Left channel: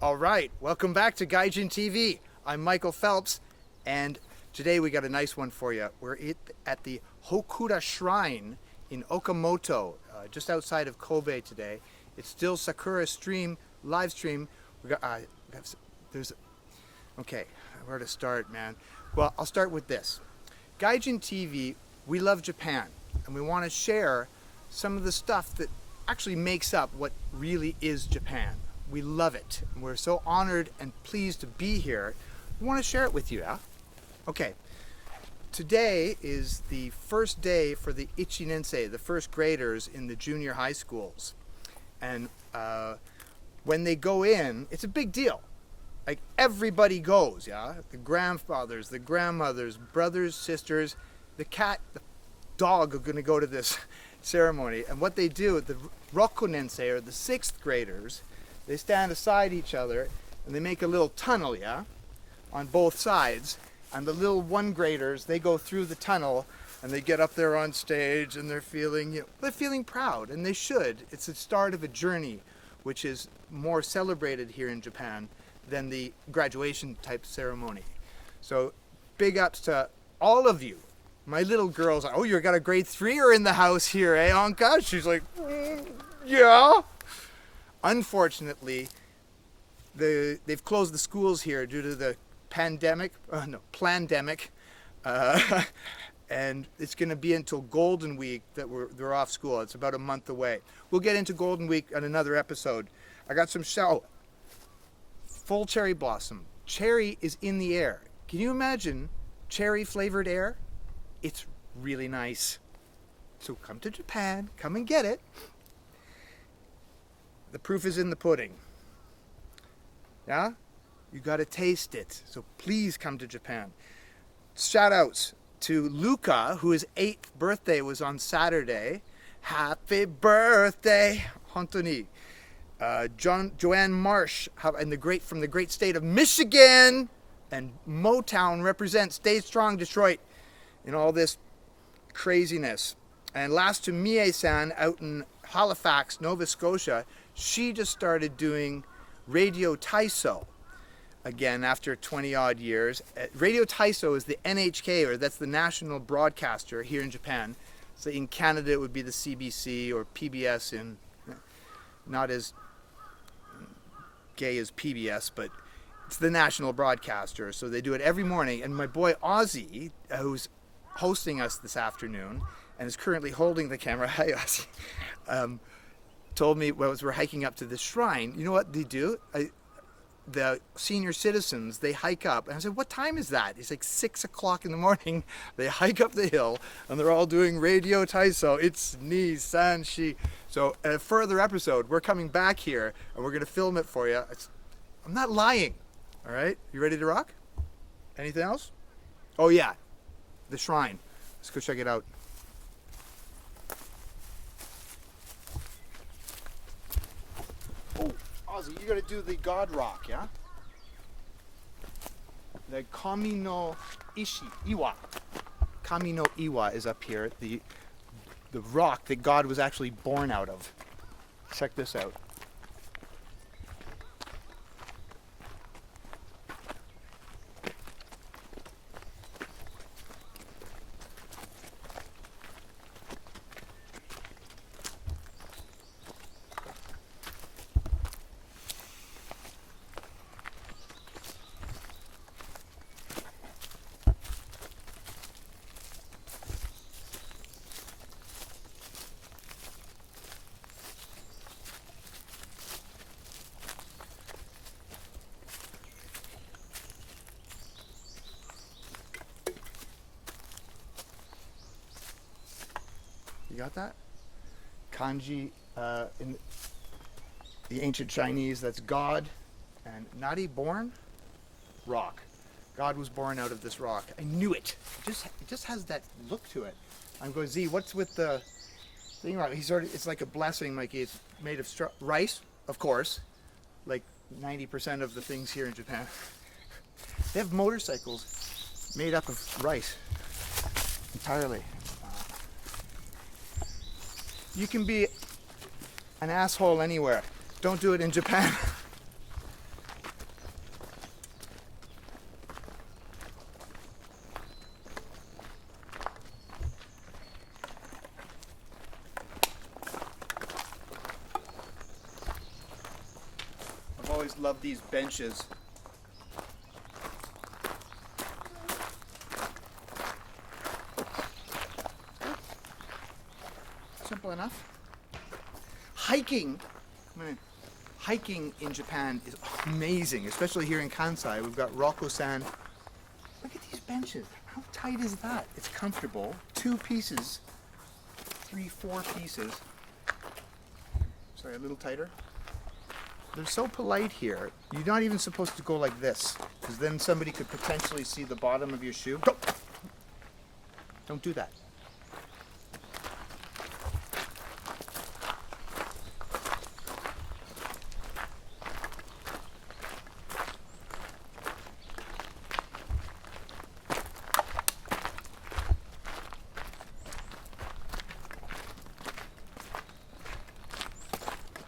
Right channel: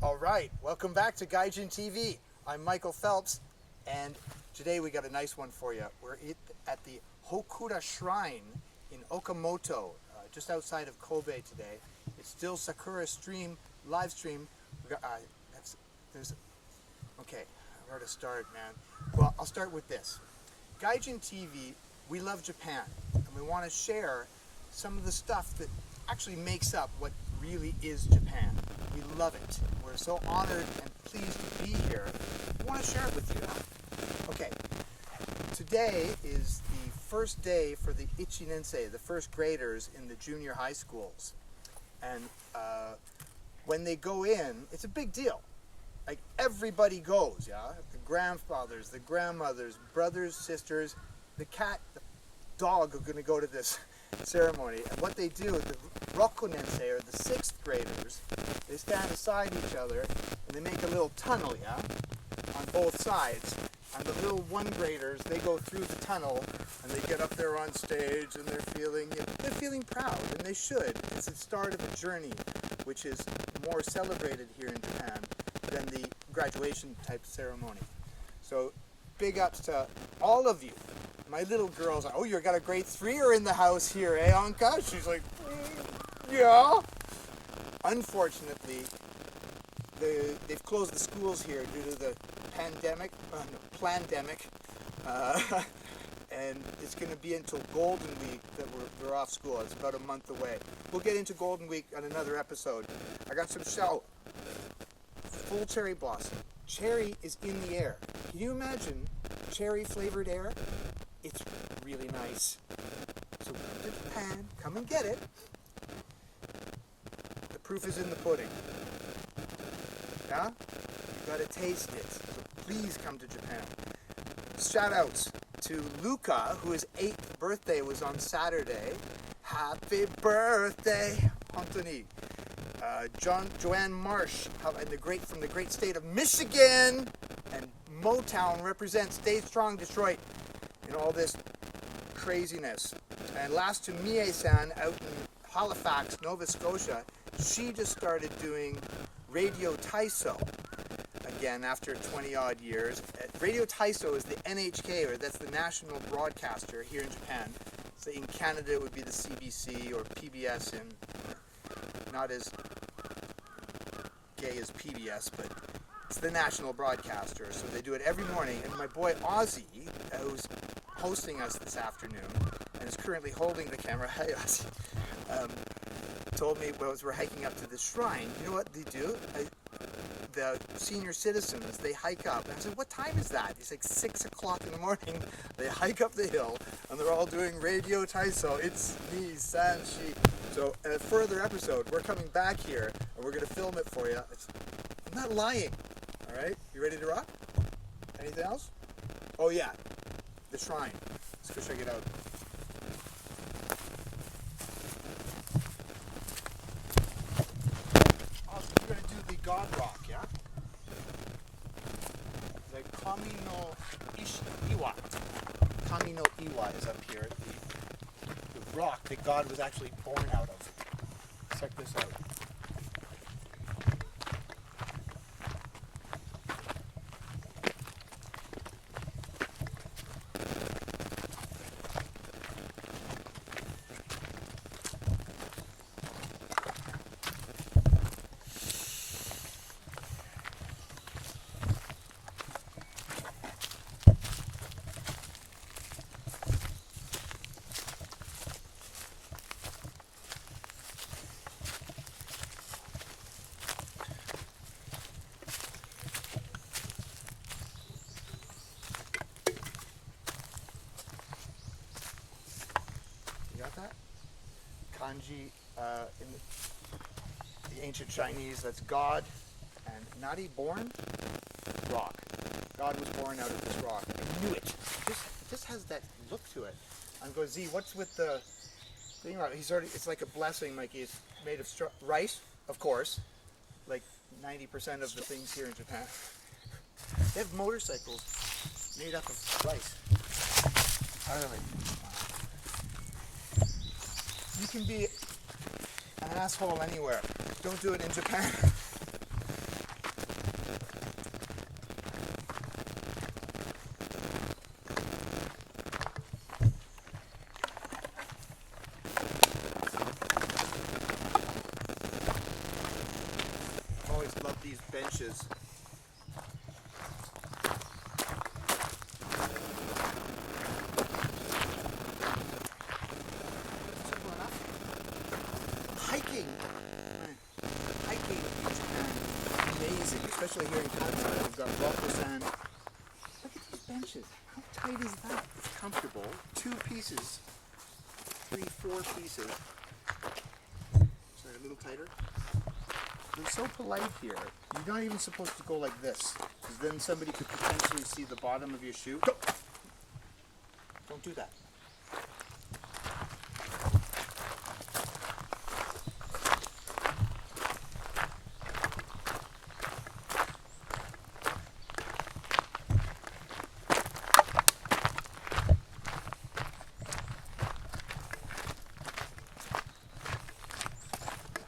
All right, welcome back to Gaijin-TV. I'm Michael Phelps, and today we got a nice one for you. We're at the Hokura Shrine in Okamoto, just outside of Kobe today. It's still Sakura live stream. We got, okay, where to start, man? Well, I'll start with this. Gaijin-TV, we love Japan, and we want to share some of the stuff that actually makes up what really is Japan. We love it. We're so honored and pleased to be here. We want to share it with you. Okay, today is the first day for the Ichinensei, the first graders in the junior high schools. And when they go in, it's a big deal. Like, everybody goes, yeah? The grandfathers, the grandmothers, brothers, sisters, the cat, the dog are going to go to this ceremony. And what they do, the Rokunensei, or the 6th graders, they stand beside each other and they make a little tunnel, yeah, on both sides. And the little 1 graders, they go through the tunnel and they get up there on stage and they're feeling proud, and they should. It's the start of a journey which is more celebrated here in Japan than the graduation type ceremony. So big ups to all of you. My little girl's like, oh, you got a grade 3er in the house here, eh, Anka? She's like, yeah. Unfortunately, they've closed the schools here due to the plandemic, and it's going to be until Golden Week that they're off school. It's about a month away. We'll get into Golden Week on another episode. I got some full cherry blossom. Cherry is in the air. Can you imagine cherry flavored air? It's really nice. So come to Japan, come and get it. The proof is in the pudding. Yeah? You gotta taste it. So please come to Japan. Shout outs to Luca, whose 8th birthday was on Saturday. Happy birthday! Hontoni. Joanne Marsh from the great state of Michigan. And Motown represents Stay Strong Detroit in all this craziness. And last to Mie-san out in Halifax, Nova Scotia. She just started doing Radio Taiso again after 20 odd years. Radio Taiso is the NHK, or that's the national broadcaster here in Japan. So in Canada it would be the CBC or PBS, and not as gay as PBS, but it's the national broadcaster. So they do it every morning, and my boy Ozzy, who's hosting us this afternoon and is currently holding the camera, hi Ozzy, told me as we're hiking up to the shrine, you know what they do? The senior citizens, they hike up. And I said, what time is that? It's like 6 o'clock in the morning. They hike up the hill and they're all doing Radio Taiso. It's ni, san, shi. So a further episode, we're coming back here and we're going to film it for you. I'm not lying. All right? You ready to rock? Anything else? Oh yeah, the shrine. Let's go check it out. You're going to do the God Rock, yeah? The Kami no Iwa. Kami no Iwa is up here, the rock that God was actually born out of. Check this out. Got that? Kanji in the ancient Chinese, that's God, and Nadi, born, rock. God was born out of this rock. I knew it. It just has that look to it. I'm going, Z, what's with the thing? It's like a blessing, Mikey. It's made of rice, of course, like 90% of the things here in Japan. They have motorcycles made up of rice entirely. You can be an asshole anywhere. Don't do it in Japan. always loved these benches. Simple enough. Hiking. Hiking in Japan, amazing, especially here in Kansai. We've got Rokko-san. Look at these benches. How tight is that? It's comfortable. 2 pieces. 3, 4 pieces. Sorry, a little tighter. They're so polite here. You're not even supposed to go like this, because then somebody could potentially see the bottom of your shoe. Don't do that.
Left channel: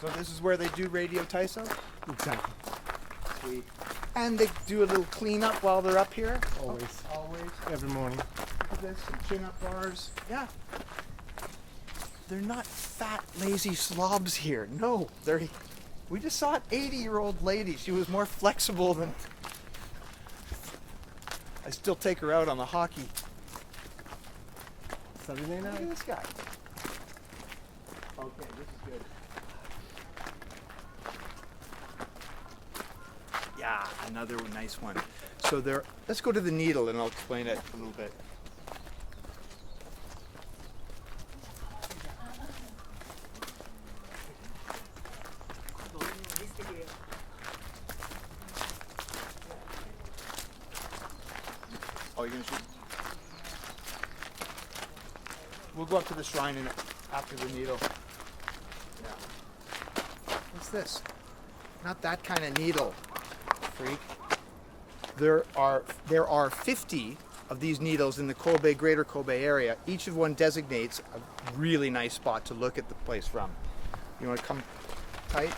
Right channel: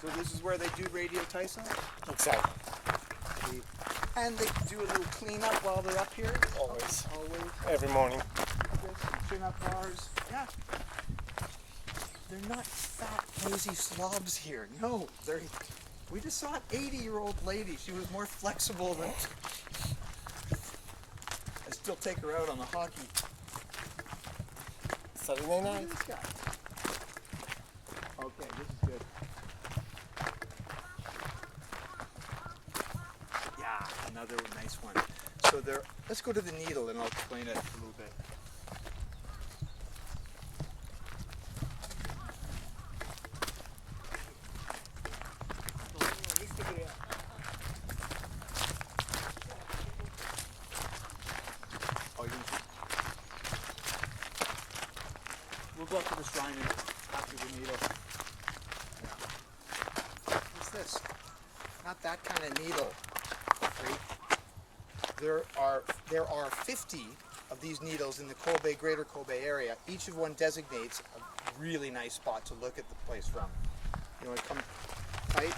So this is where they do radio taiso? Exactly. Sweet. And they do a little cleanup while they're up here? Always. Always. Every morning. Look at this, some chin-up bars. Yeah. They're not fat, lazy slobs here. No, we just saw an 80-year-old lady. She was more flexible than... I still take her out on the hockey. Saturday Look night. at this guy. Okay, this is good. Yeah, another nice one. So let's go to the needle and I'll explain it a little bit. Oh, you're gonna shoot? We'll go up to the shrine after the needle. Yeah. What's this? Not that kind of needle, freak. There are 50 of these needles in the Kobe, greater Kobe area. Each of one designates a really nice spot to look at the place from. You want to come tight?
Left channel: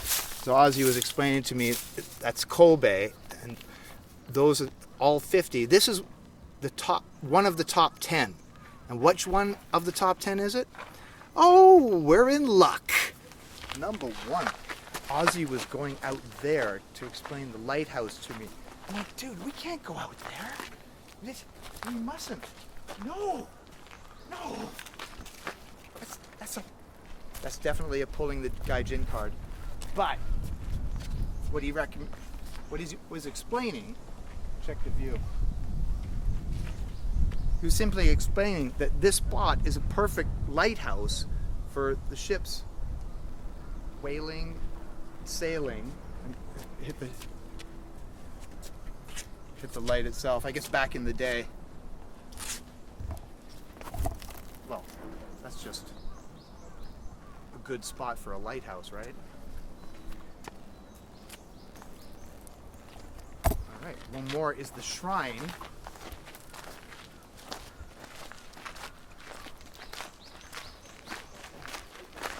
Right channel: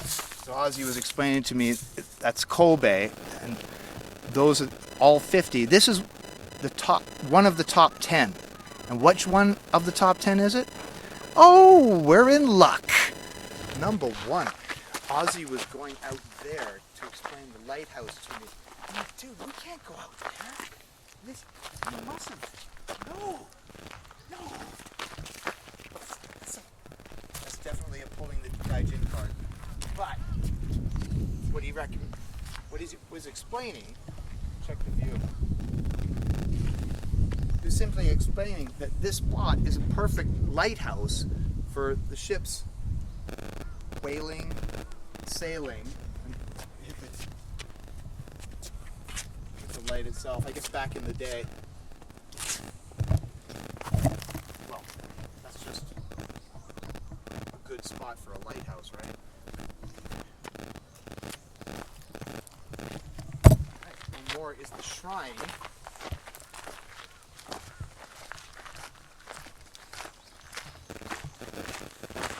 So Ozzy was explaining to me that's Kobe, and those are all 50. This is one of the top 10. And which one of the top 10 is it? Oh, we're in luck. Number 1. Ozzy was going out there to explain the lighthouse to me. I'm like, dude, we can't go out there. We mustn't. No. That's definitely a pulling the Gaijin card. But what he was explaining, check the view. He was simply explaining that this spot is a perfect lighthouse for the ships whaling, sailing, and hit the light itself. I guess back in the day. Well, that's just a good spot for a lighthouse, right? Alright, one more is the shrine.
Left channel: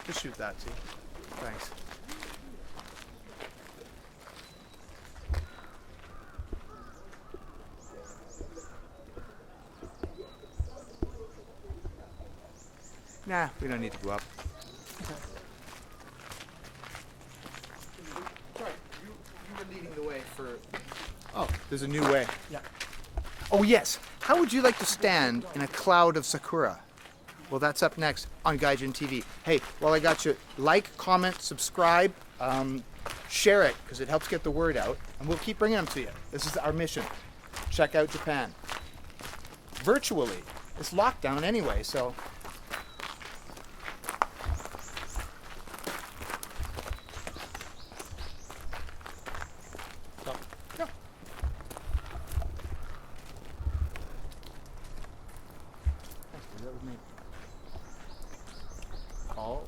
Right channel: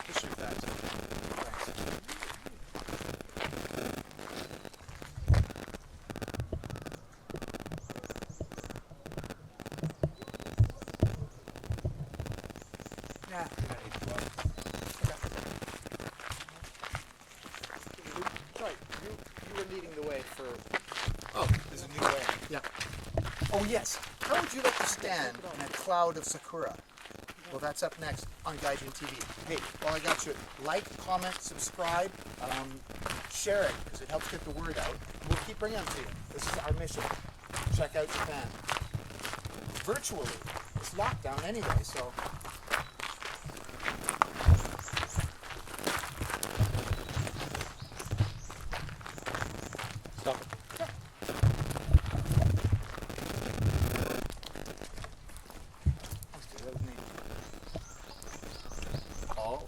Just shoot that. Thanks. Nah, we don't need to go up. Okay. Sorry, you were leading the way for... Oh, There's a new way. yeah. Oh yes, how would you like to stand in a cloud of sakura? Well, that's up next on Gaijin-TV. Hey, while I got you, like, comment, subscribe, share it, because it helps get the word out, and we'll keep bringing them to you. This is our mission. Check out Japan. Virtually. It's lockdown anyway, so... Stop it. Go. Call.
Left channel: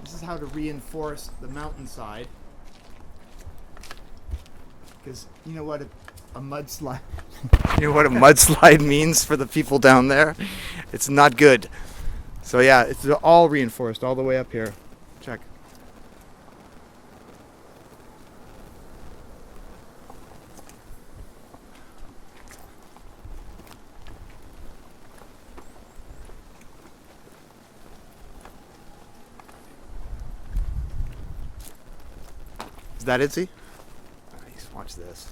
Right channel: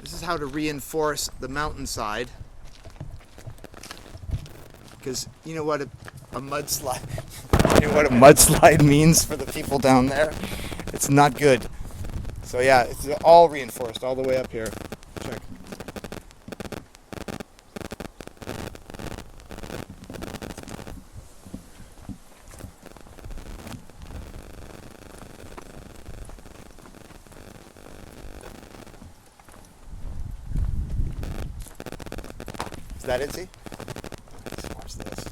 This is how to reinforce the mountainside. Because you know what A mudslide. You know what a mudslide means for the people down there? It's not good. So yeah, it's all reinforced all the way up here. Check. Is that it, see? Nice, watch this.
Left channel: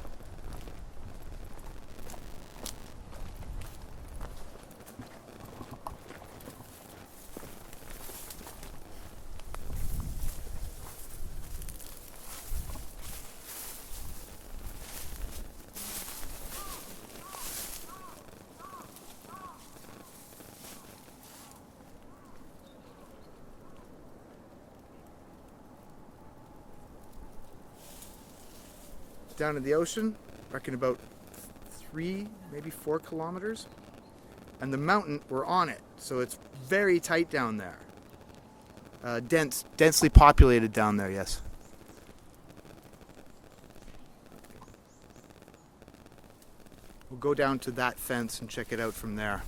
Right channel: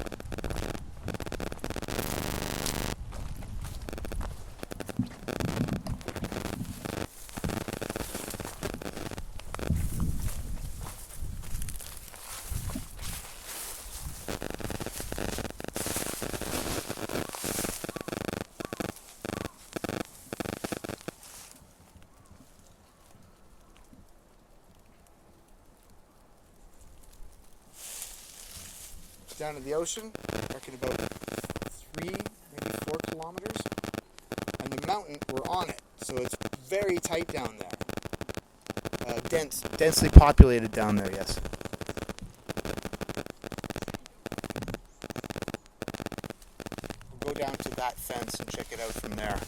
Down in the ocean, I reckon about 3, maybe 4 kilometers. And the mountain, we're on it, so it's very tight down there. Densely populated down there, yes. We'll go down to that fence and check it out from there.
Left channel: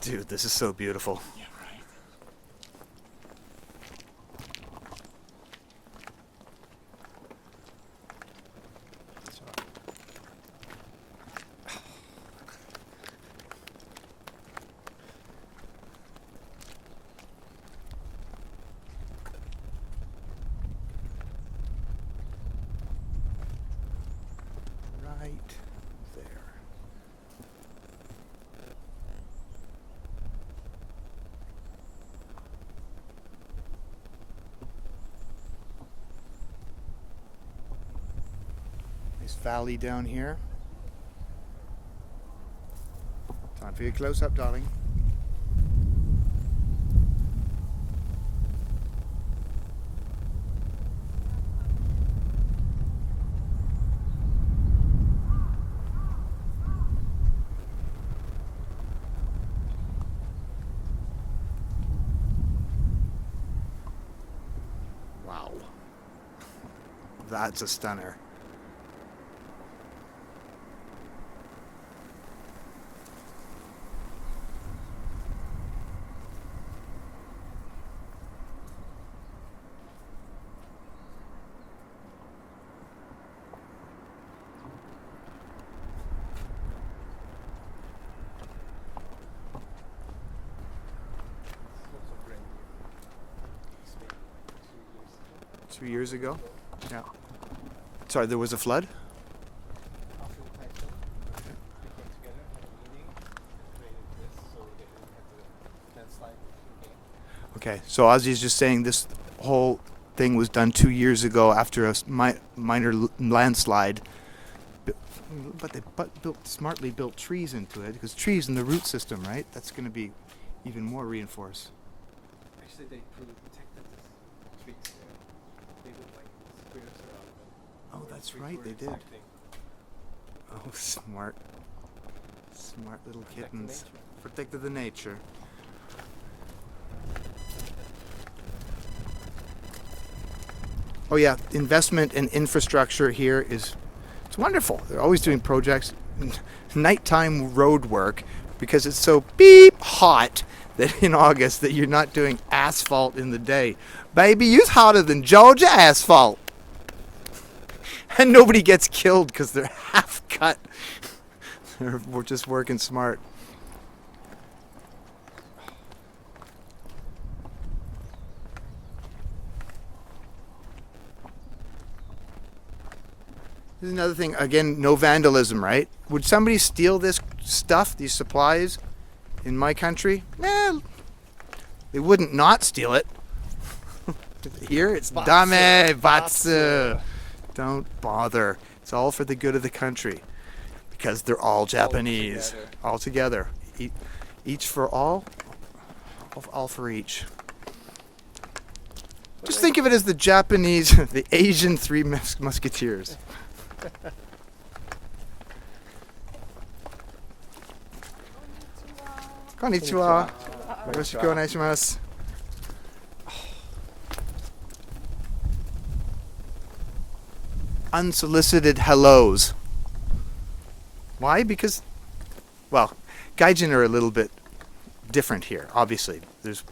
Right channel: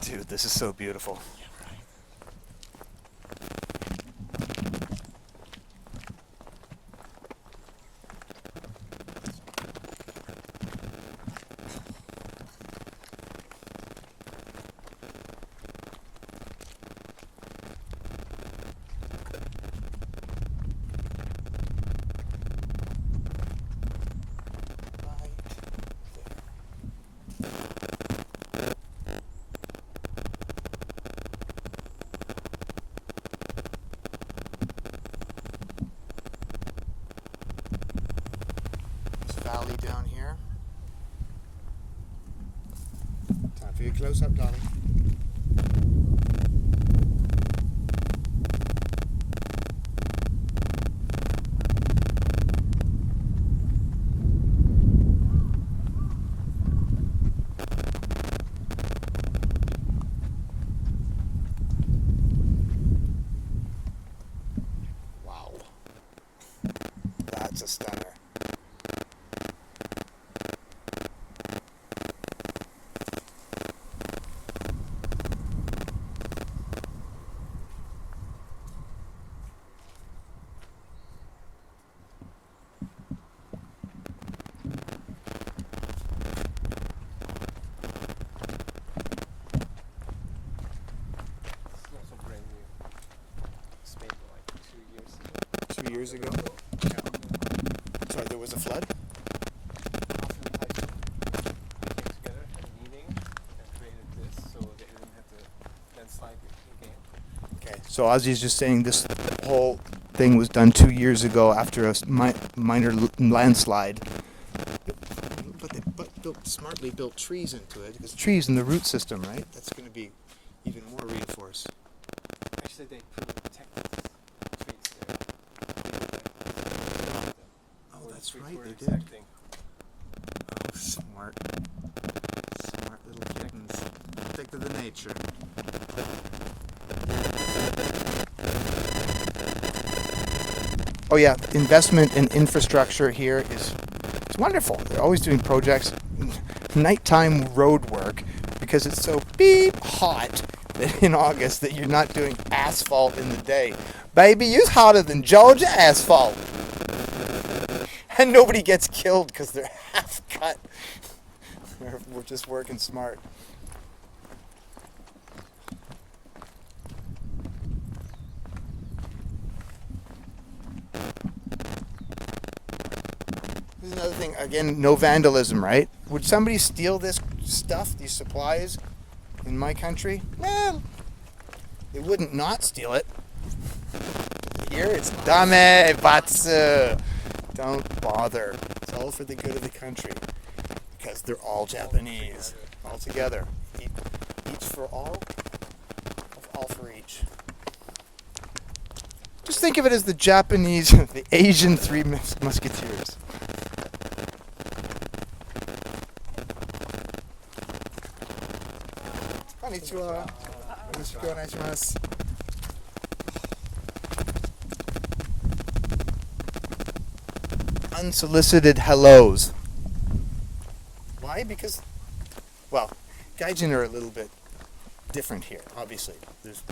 Dude, this is so beautiful. Right there. Valley down here. Time for your close up, darling. Wow. That's a stunner. Years ago. Yeah. Sorry, there was a flood? Okay, so Ozzy's just saying this whole thing was done 2 years ago after a minor landslide. But they smartly built trees into it, because trees in the root system, right? That's going to be even more reinforced. That's right, they did. Smart. Smart little kittens. Protected the nature. Oh yeah, investment in infrastructure here it's wonderful. They're always doing projects, nighttime road work, because it's so beep hot that in August that you're not doing asphalt in the day. Baby, you're hotter than Georgia asphalt. And nobody gets killed because they're half cut. We're just working smart. Here's another thing. Again, no vandalism, right? Would somebody steal this stuff, these supplies, in my country? They wouldn't not steal it. Here it's dame batsu. Don't bother. It's all for the good of the country. Because they're all Japanese. All together. Each for all for each. Just think of it as the Japanese, the Asian Three Musketeers. Konnichiwa. Yoroshiku onegaishimasu. unsolicited hellos. Why? Because, well, Gaijin are a little bit different here, obviously. There's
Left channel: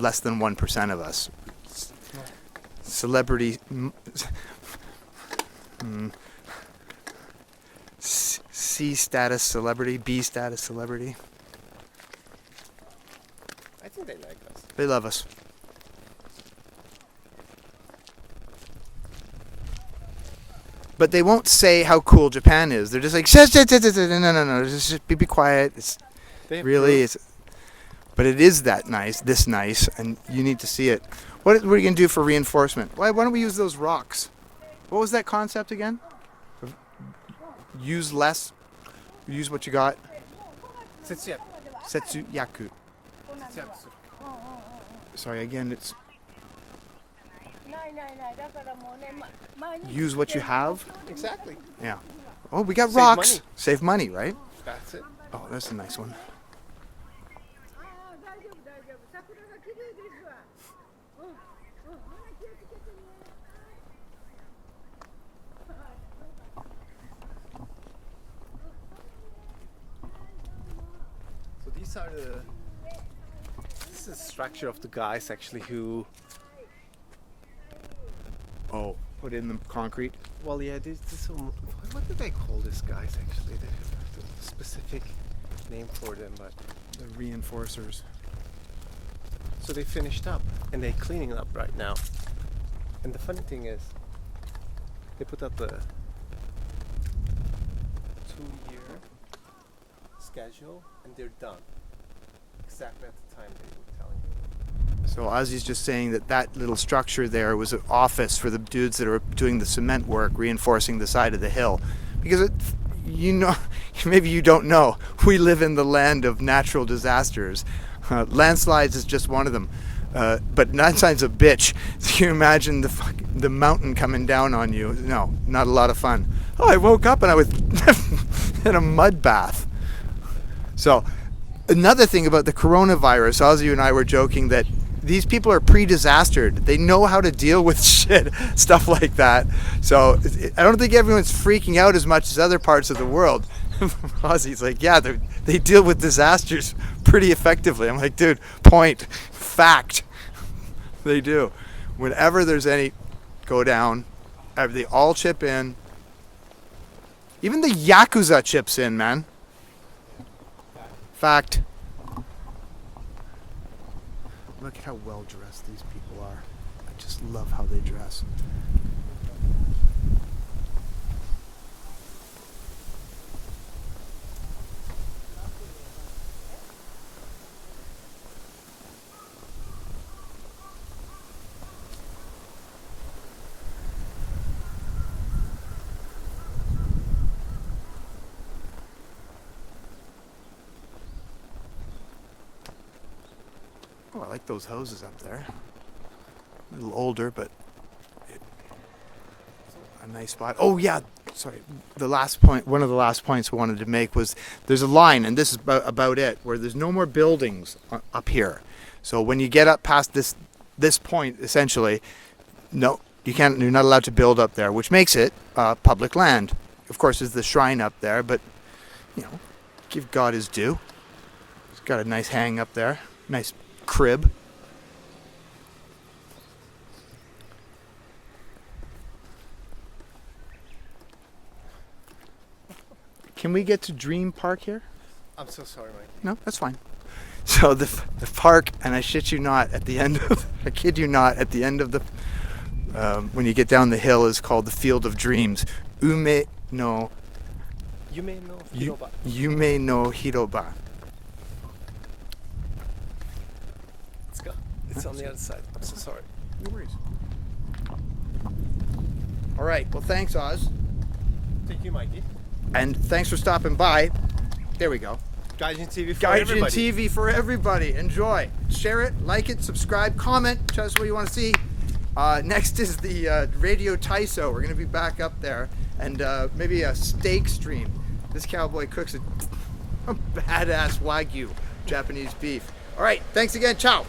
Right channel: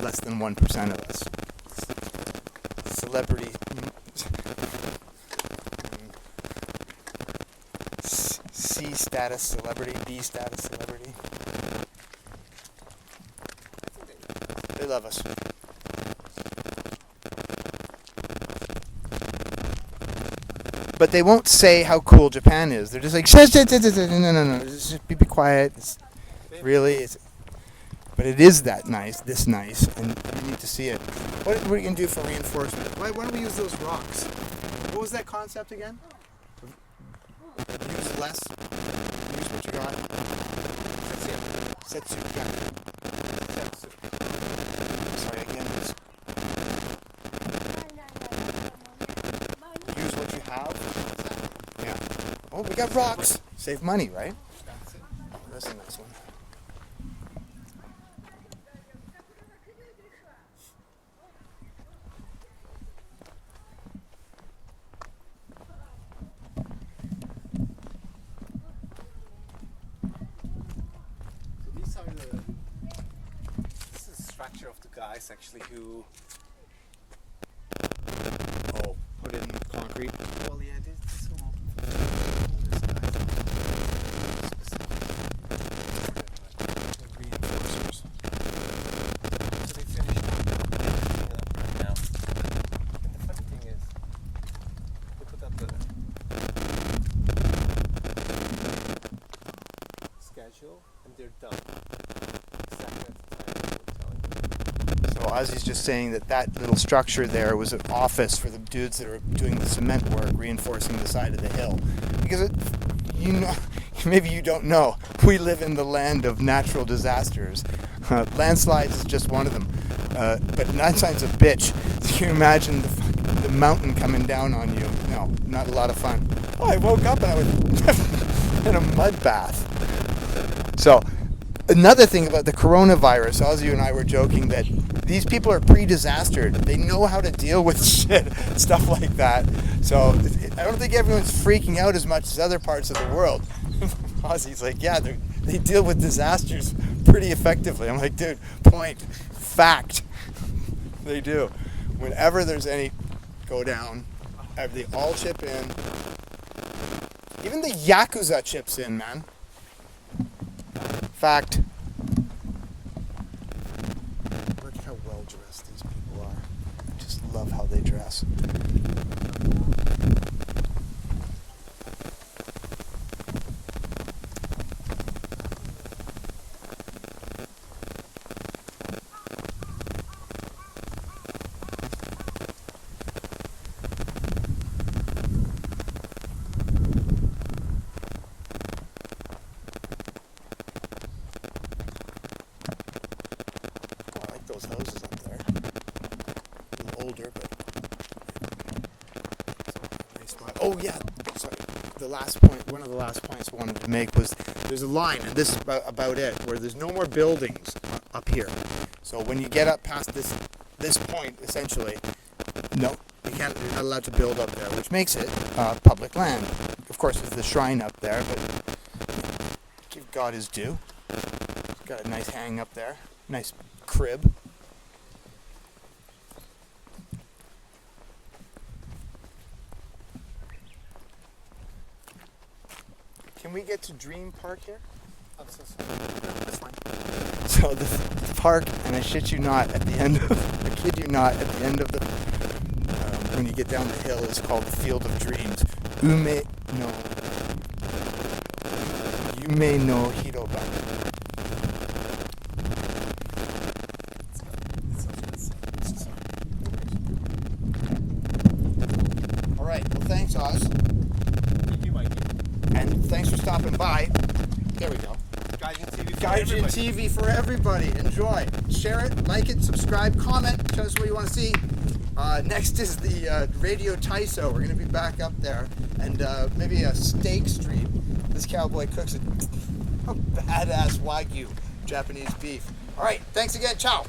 less than 1% of us. Celebrity... C status celebrity, B status celebrity. I think they like us. They love us. But they won't say how cool Japan is. They're just like, no, just be quiet. It's really, it's, but it is that nice, this nice, and you need to see it. What are you going to do for reinforcement? Why don't we use those rocks? What was that concept again? Use less, use what you got. Setsu Yaku. Sorry, again, it's use what you have. Exactly. Yeah. Oh, we got Save rocks. money. Save money, right? That's it. Oh, that's a nice one. So these are this is the structure of the guys actually who. Oh, put it in the concrete. Well, yeah, this what do they call these guys? Specific name for them, but The reinforcers. so they finished up and they're cleaning up right now. And the funny thing is, they put up a schedule and they're done. Exactly at the time they were telling me. So Ozzy's just saying that little structure there was an office for the dudes that are doing the cement work, reinforcing the side of the hill. Because you know, maybe you don't know, we live in the land of natural disasters. Landslides is just one of them. But landslide's a bitch. So you imagine the mountain coming down on you. No, not a lot of fun. Oh, I woke up and I was in a mud bath. So another thing about the coronavirus, Ozzy and I were joking that these people are pre-disastered. They know how to deal with shit, stuff like that. So I don't think everyone's freaking out as much as other parts of the world. Ozzy's like, yeah, they deal with disasters pretty effectively. I'm like, dude, point, fact. They do. Whenever there's any go down, they all chip in. Even the Yakuza chips in, man. Fact. Look at how well dressed these people are. I just love how they dress. Oh, I like those houses up there. A little older, but a nice spot. Oh yeah, sorry. The last point, one of the last points I wanted to make was there's a line, and this is about it, where there's no more buildings up here. So when you get up past this point, essentially, no, you can't. You're not allowed to build up there, which makes it public land. Of course, there's the shrine up there, but you know, give God his due. It's got a nice hang up there, nice crib. Can we get to Dream Park here? I'm so sorry. No, that's fine. So the park, and I shit you not, at the end of, I kid you not, at the end of the, when you get down the hill, is called the Field of Dreams. Yume no Hiroba. It's on the other side. I'm so sorry. No worries. All right. Well, thanks, Oz. Thank you, Mikey. And thanks for stopping by. There we go. Gaijin-TV for everybody. Gaijin-TV for everybody. Enjoy. Share it, like it, subscribe, comment. Tell us what you want to see. Next is the Radio Taiso. We're going to be back up there. And maybe a steak stream. This cowboy cooks a badass Wagyu Japanese beef. All right. Thanks again. Ciao.